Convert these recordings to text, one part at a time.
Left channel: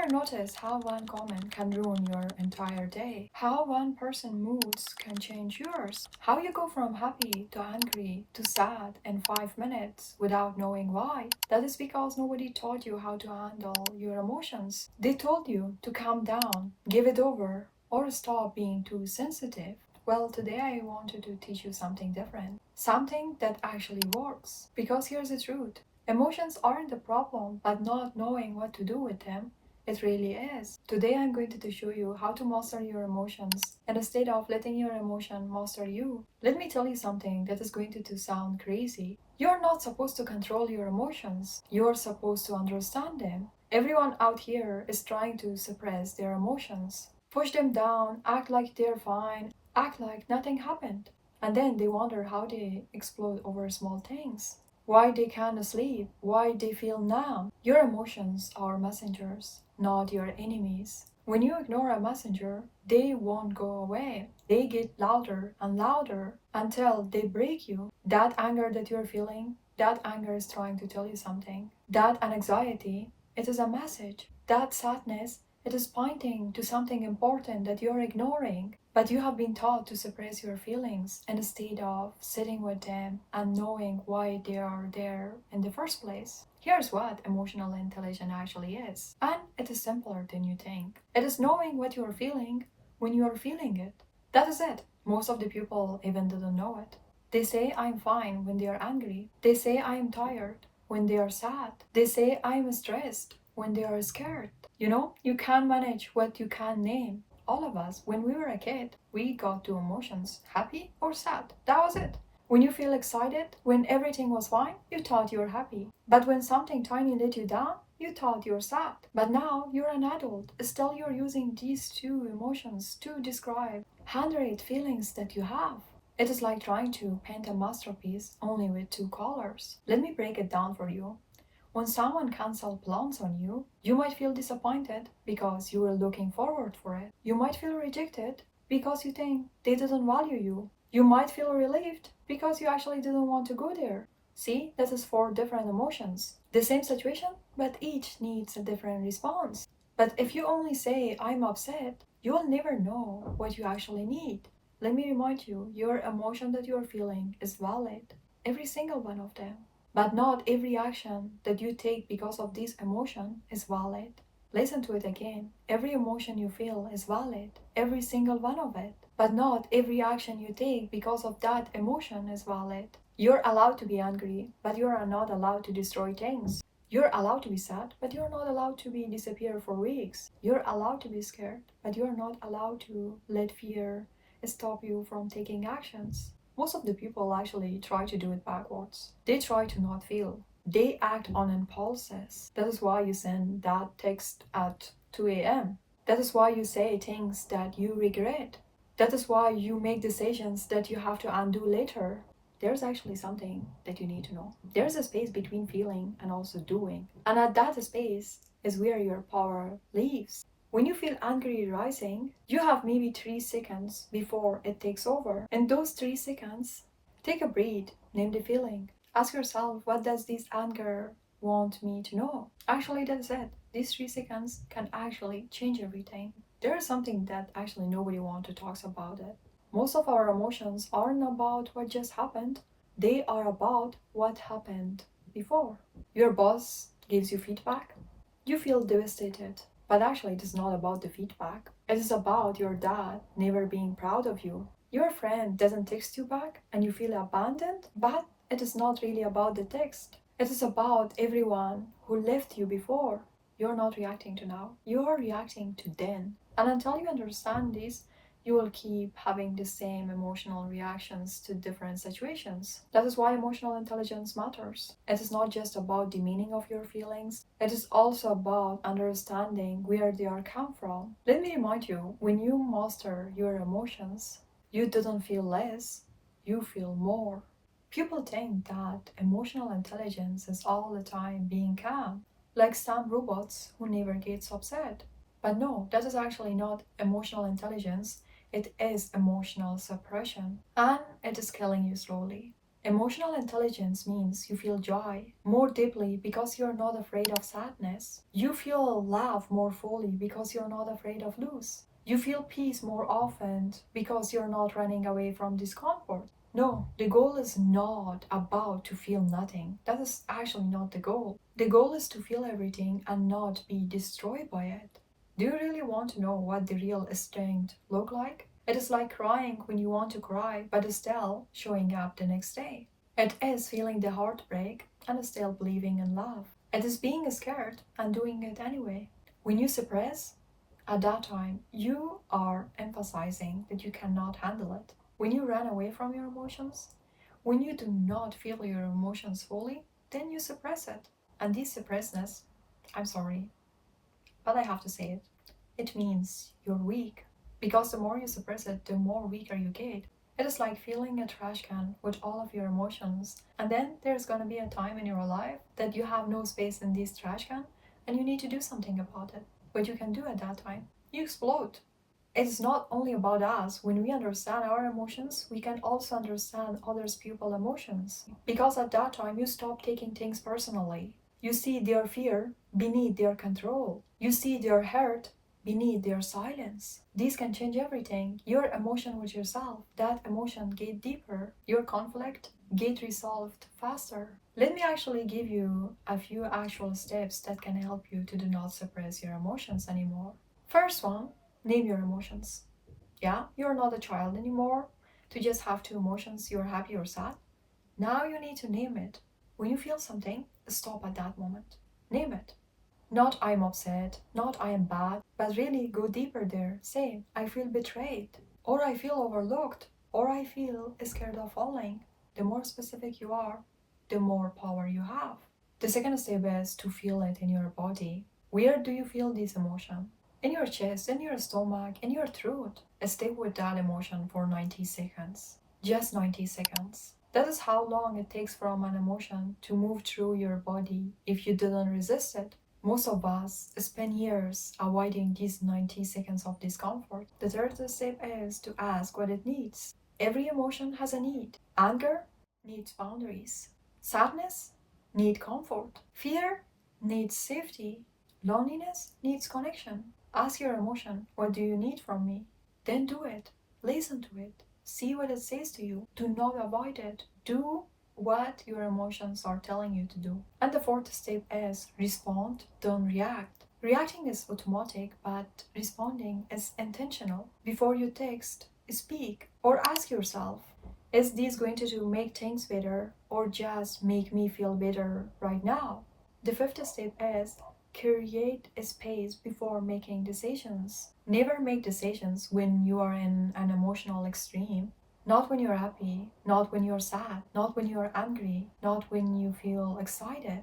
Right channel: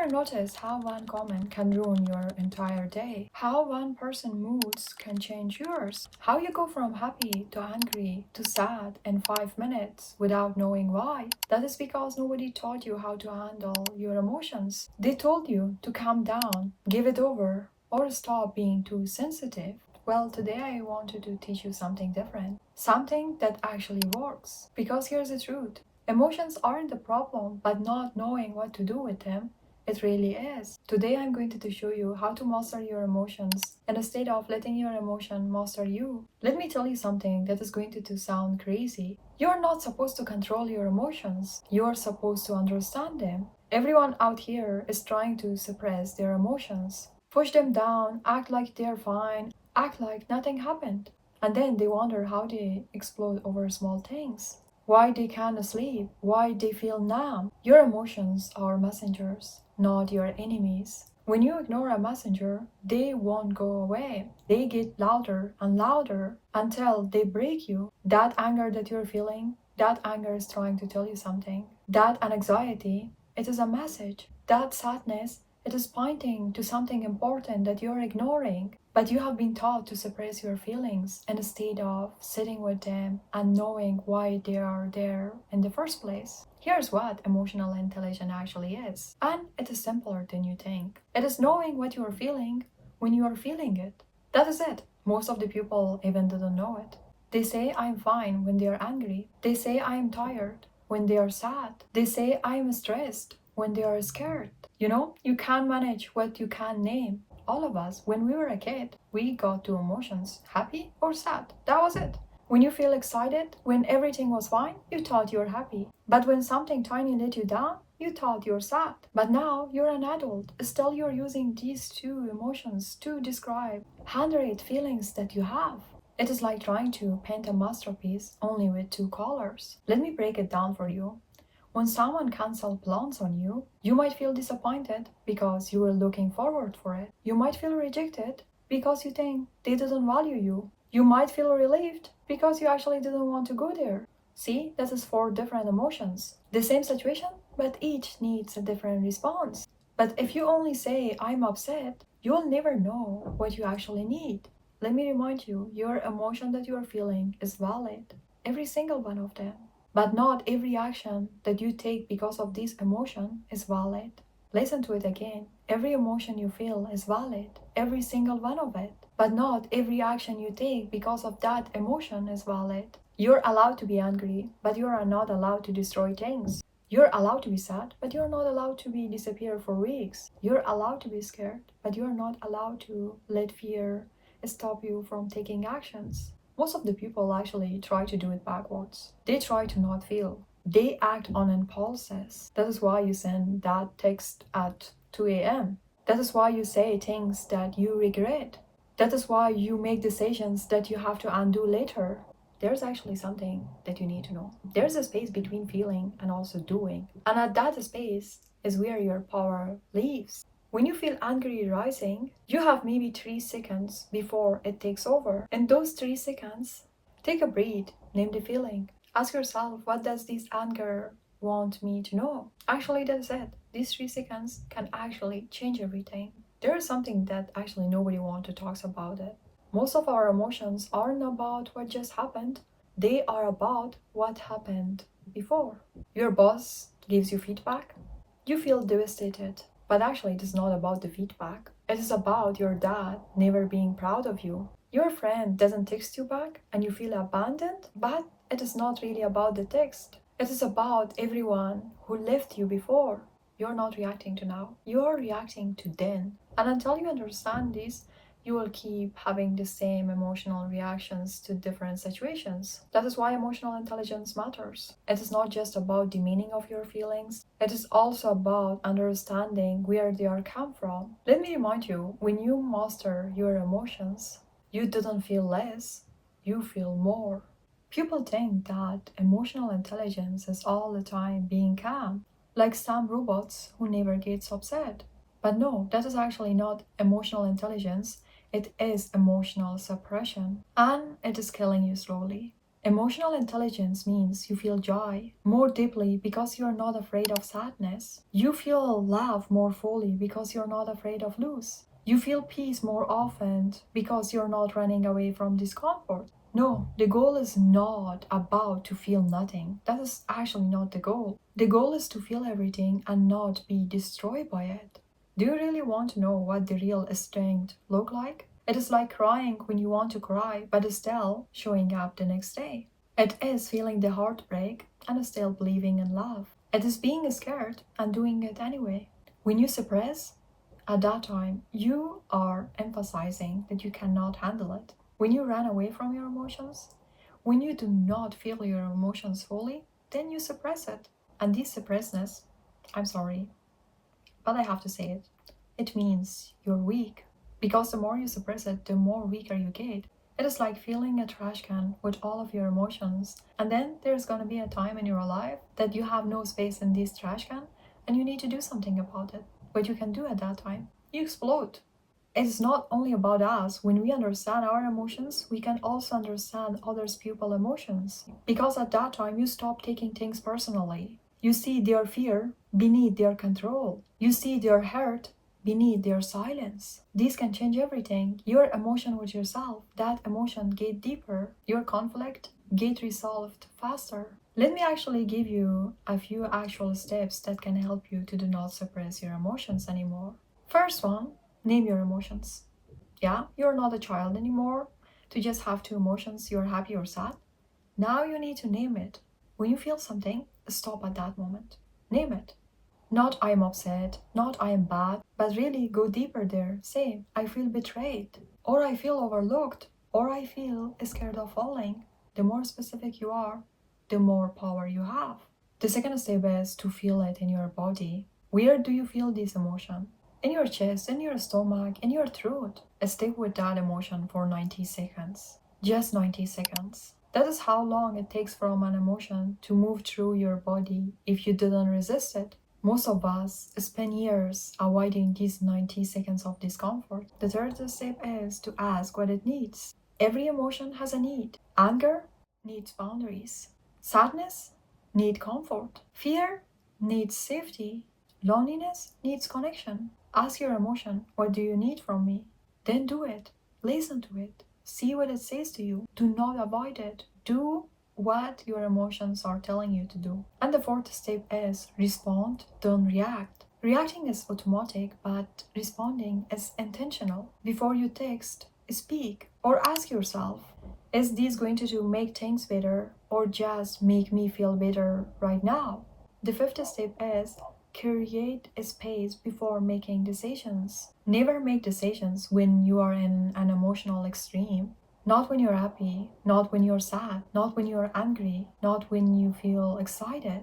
ever noticed how one comment can ruin your entire day? How one person's moods can change yours? How you go from happy to angry to sad in 5 minutes without knowing why? That is because nobody taught you how to handle your emotions. They told you to calm down, give it over, or stop being too sensitive. Well, today I wanted to teach you something different. Something that actually works. Because here's the truth. Emotions aren't the problem, but not knowing what to do with them, it really is. Today I'm going to show you how to master your emotions and instead of letting your emotion master you. Let me tell you something that is going to sound crazy. You're not supposed to control your emotions. You're supposed to understand them. Everyone out here is trying to suppress their emotions. Push them down, act like they're fine, act like nothing happened. And then they wonder how they explode over small things. Why they can't sleep, why they feel numb. Your emotions are messengers, not your enemies. When you ignore a messenger, they won't go away. They get louder and louder until they break you. That anger that you're feeling, that anger is trying to tell you something. That anxiety, it is a message. That sadness, it is pointing to something important that you're ignoring. But you have been taught to suppress your feelings instead of sitting with them and knowing why they are there in the first place. Here's what emotional intelligence actually is. And it is simpler than you think. It is knowing what you are feeling when you are feeling it. That is it. Most of the people even didn't know it. They say I'm fine when they are angry. They say I'm tired when they are sad. They say I'm stressed when they are scared. You can't manage what you can't name. All of us, when we were a kid, we got two emotions, happy or sad. That was it. When you feel excited, when everything was fine, you thought you were happy. But when something tiny let you down, you thought you're sad. But now you're an adult. Still, you're using these two emotions to describe 100 feelings that you have. It is like trying to paint a masterpiece only with two colors. Let me break it down for you. When someone cancels plans on you, you might feel disappointed because you were looking forward for it. You might feel rejected because you think they didn't value you. You might feel relieved because you actually didn't want to go there. See, that is four different emotions. The same situation, but each needs a different response. But if you only say, I'm upset, you will never know what you actually need. Let me remind you, your emotion that you are feeling is valid. Every single one of them. But not every action that you take because of this emotion is valid. Listen to it again. Every emotion you feel is valid, every single one of it. But not every action you take because of that emotion is valid. You're allowed to be angry, but you are not allowed to destroy things. You're allowed to be sad, but you're not allowed to be disappear for weeks. You're allowed to be scared, but you're not allowed to let fear stop you from taking actions. Most of the people actually try to do it backwards. They try to not feel. They act on impulses. That is why you send that text at 2 a.m. That is why you say things that you regret. That is why you make decisions that you have to undo later. There's actually something that you need to know. There's a space between feeling and also doing. And at that space is where your power lives. When you feel angry rising, you have maybe 3 seconds before it takes over. In those 3 seconds, take a breath, name the feeling. Ask yourself, what does this anger want me to know? Actually, that's it. These 3 seconds can actually change everything. There is something that actually nobody wants to talk about it. Most of our emotions aren't about what just happened. They are about what happened before. Your boss gives you feedback. You feel devastated. But actually, it is not about the feedback. It is about your dad never being proud of you. Your friend doesn't text you back and you feel abandoned, but it is not really about the text. It is about everyone who left you before. You're not reacting to now. You are reacting to then. And until you understand this, you will keep having the same emotional reactions to different situations. That is why emotional intelligence matters. It is not just about the meaning of your feelings, it is also about understanding where they are come from. Let me remind you, when you master your emotions, you didn't feel less, you feel more. People think that emotional intelligence is all the time being calm, like some robots who never gets upset. But no, that is actually not emotional intelligence. It is emotional suppression, and it is killing you slowly. Emotional intelligence means you feel joy more deeply because you're not afraid of sadness. You feel love more fully because you're not afraid of lose. You feel peace more often because you're not running away from discomfort. No, the goal is not about to feel nothing. That is actually not the goal. The goal is to feel everything and not be destroyed by it. Do you really want to know what the real strength look like? It is like crying when you want to cry, but still showing up the next day. It is feeling the heartbreak and still believing in love. It is being scared and doing it anyway. When you suppress, at that time, you are emphasizing that you cannot handle it. When you run away from your emotions, when you do not feel your emotions fully, then you suppress it. And this suppressedness, I'm sorry, but I have to say it, it means you're weak. Because the more you suppress it, the more weaker you get. It is like filling a trash can with all of your emotions, and then there's gonna be a time in your life that you have no space in this trash can and you need to do something about it. What you can do at that time? You explode. It is not only about us. When we understand our emotions, we can also understand others' people's emotions. Because at that time, you stop taking things personally. You see their fear beneath their control. You see their hurt beneath their silence. This can change everything. Your emotion with yourself, that emotion get deeper. Your conflict get resolved faster. Let me actually give you a few actual steps that can help you to do not suppress your emotions anymore. First one, name your emotions. Yeah, you're not a child anymore to just have two emotions, you're happy or sad. Now you need to name it. When you feel something, stop at that moment. Name it. Not I am upset, not I am bad, but really go deeper there. Say, I feel betrayed, or I feel overlooked, or I feel scared of falling. The more specific you are, the more power you have. The second step is to feel it in your body. Where do you feel this emotion? In your chest, in your stomach, in your throat. Stay with that emotion for 90 seconds. Just 90 seconds. That is how long it takes for an emotion to move through your body if you didn't resist it. Most of us spend years avoiding these 90 seconds of discomfort. The third step is to ask what it needs. Every emotion has a need. Anger needs boundaries. Sadness needs comfort. Fear needs safety. Loneliness needs connection. Ask your emotion, what do you need from me? Then do it. Listen to it. See what it says to you. Do not avoid it. Do what your emotions are telling you to do. And the fourth step is respond, don't react. Reacting is automatic, but responding is intentional. Before you text, speak, or ask yourself, is this going to make things better or just make me feel better right now? The fifth step is create a space before making decisions. Never make decisions when you are in an emotional extreme. Not when you're happy, not when you're sad, not when you're angry, not when you feel excited.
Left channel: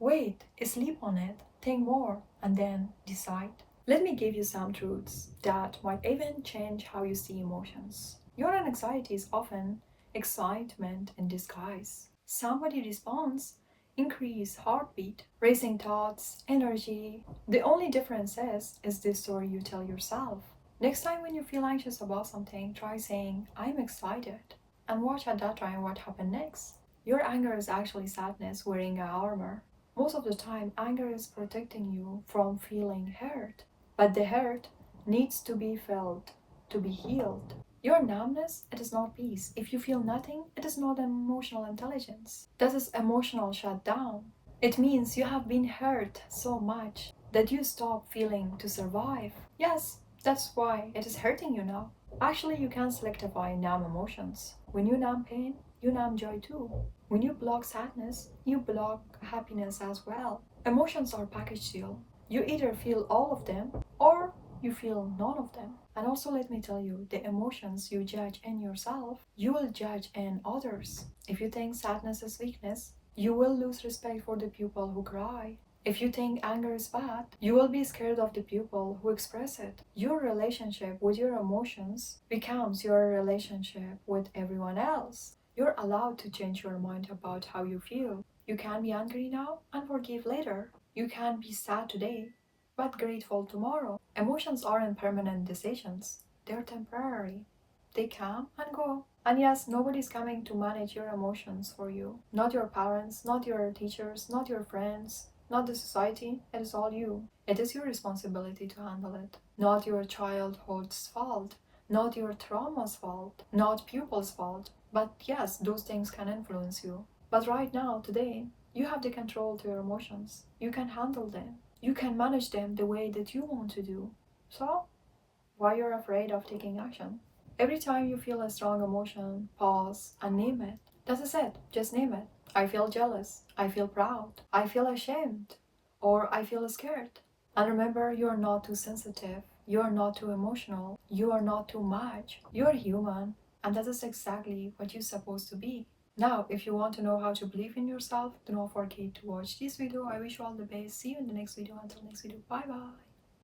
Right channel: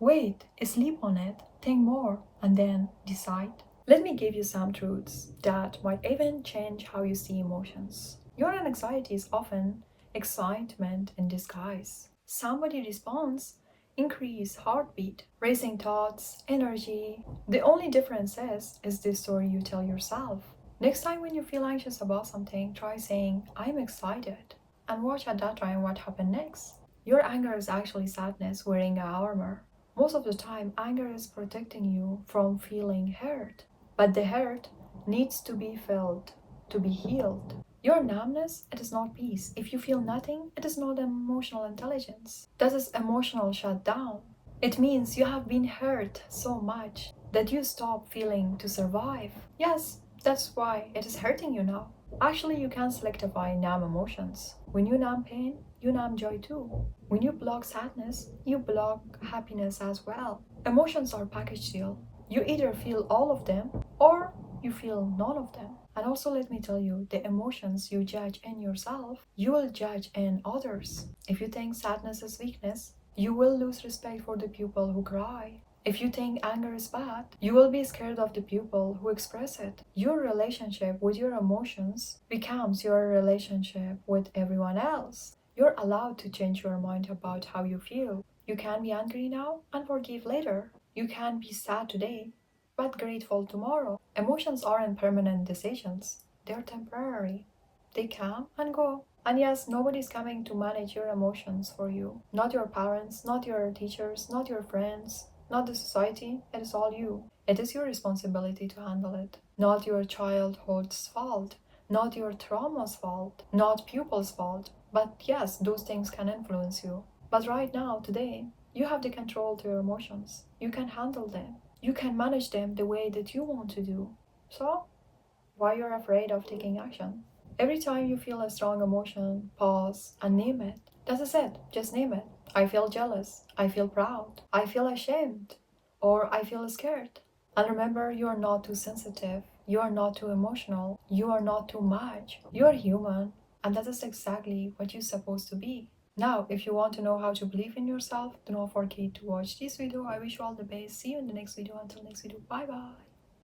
Wait, sleep on it, think more, and then decide. Let me give you some truths that might even change how you see emotions. Your anxiety is often excitement in disguise. Somebody responds, increase heartbeat, racing thoughts, energy. The only difference is the story you tell yourself. Next time when you feel anxious about something, try saying, I'm excited, and watch at that time what happened next. Your anger is actually sadness wearing a armor. Most of the time, anger is protecting you from feeling hurt. But the hurt needs to be felt, to be healed. Your numbness, it is not peace. If you feel nothing, it is not emotional intelligence. That is emotional shutdown. It means you have been hurt so much that you stop feeling to survive. Yes, that's why it is hurting you now. Actually, you can selectively numb emotions. When you numb pain, you numb joy too. When you block sadness, you block happiness as well. Emotions are package deal. You either feel all of them or you feel none of them. And also, let me tell you, the emotions you judge in yourself, you will judge in others. If you think sadness is weakness, you will lose respect for the people who cry. If you think anger is bad, you will be scared of the people who express it. Your relationship with your emotions becomes your relationship with everyone else. You're allowed to change your mind about how you feel. You can be angry now and forgive later. You can be sad today, but grateful tomorrow. Emotions aren't permanent decisions, they're temporary. They come and go. And yes, nobody's coming to manage your emotions for you. Not your parents, not your teachers, not your friends, not the society. It is all you. It is your responsibility to handle it. Not your childhood's fault. Not your trauma's fault. Not pupils' fault. But yes, those things can influence you. But right now, today, you have the control to your emotions. You can handle them. You can manage them the way that you want to do. So, why you're afraid of taking action? Every time you feel a strong emotion, pause and name it. That is it. Just name it. I feel jealous. I feel proud. I feel ashamed. Or I feel scared. And remember, you are not too sensitive. You are not too emotional. You are not too much. You are human. And that is exactly what you're supposed to be. Now, if you want to know how to believe in yourself, do not forget to watch this video. I wish you all the best. See you in the next video. Until next video. Bye bye.